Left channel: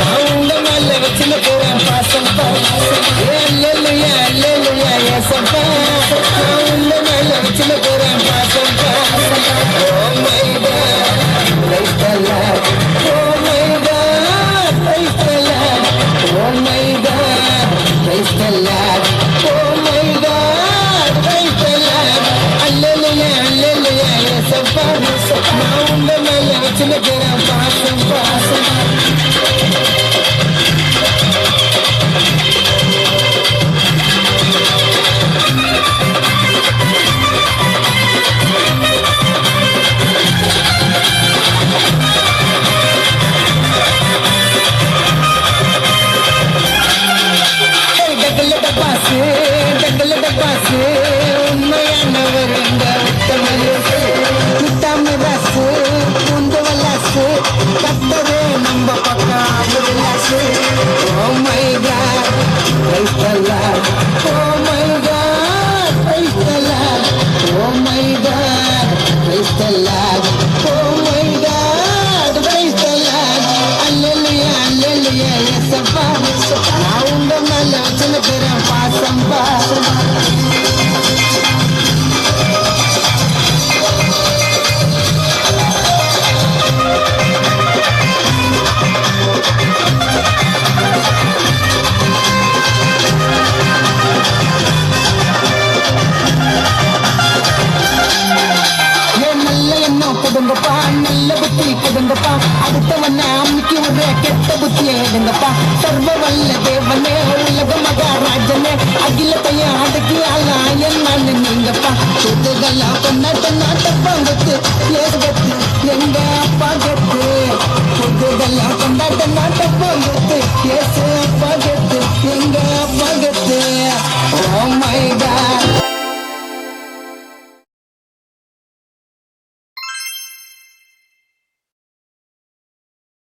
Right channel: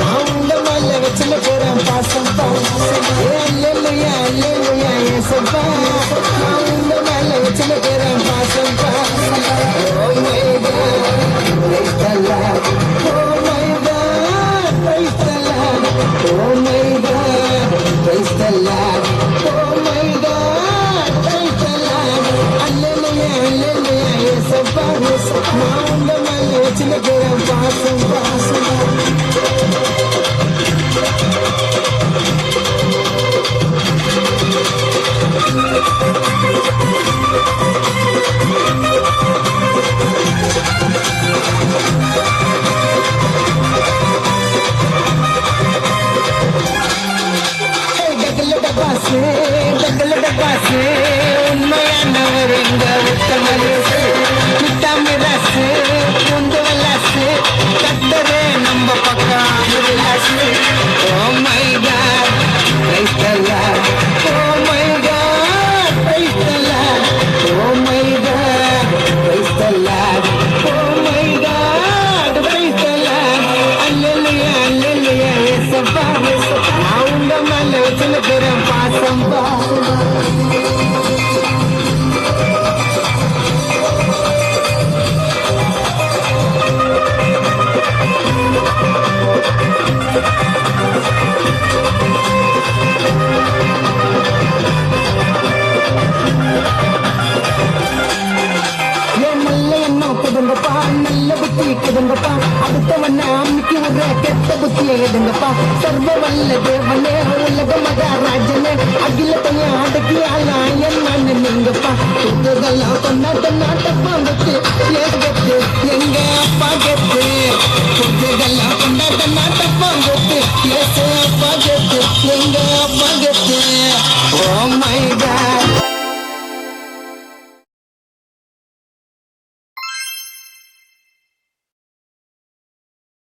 நான் உங்க மேல வச்சுல போறேன் பாசம் அல்லையா அல்லையா ஏசப்பா நான் உங்க மேல வச்சுல போறேன் பாசம் Oh my God, praise the Lord. Oh my God, praise the Lord. Oh my God, praise the Lord. Oh my God, praise the Lord. Hallelujah, hallelujah, ஏசப்பா நான் உங்க மேல வச்சுல போறேன் பாசம் Oh my God, praise the Lord. Oh my God, praise the Lord. Oh my God, praise the Lord. Oh my God, praise the Lord. Hallelujah, hallelujah, ஏசப்பா நான் உங்க மேல வச்சிருக்கிறேன் பாசம் நல்ல புத்தி கொடுங்கப்பா அடுத்தவன அம்மிக்கு ஒரு கெட்ட புத்தி எடுங்கப்பா சர்வ வல்ல தேவனே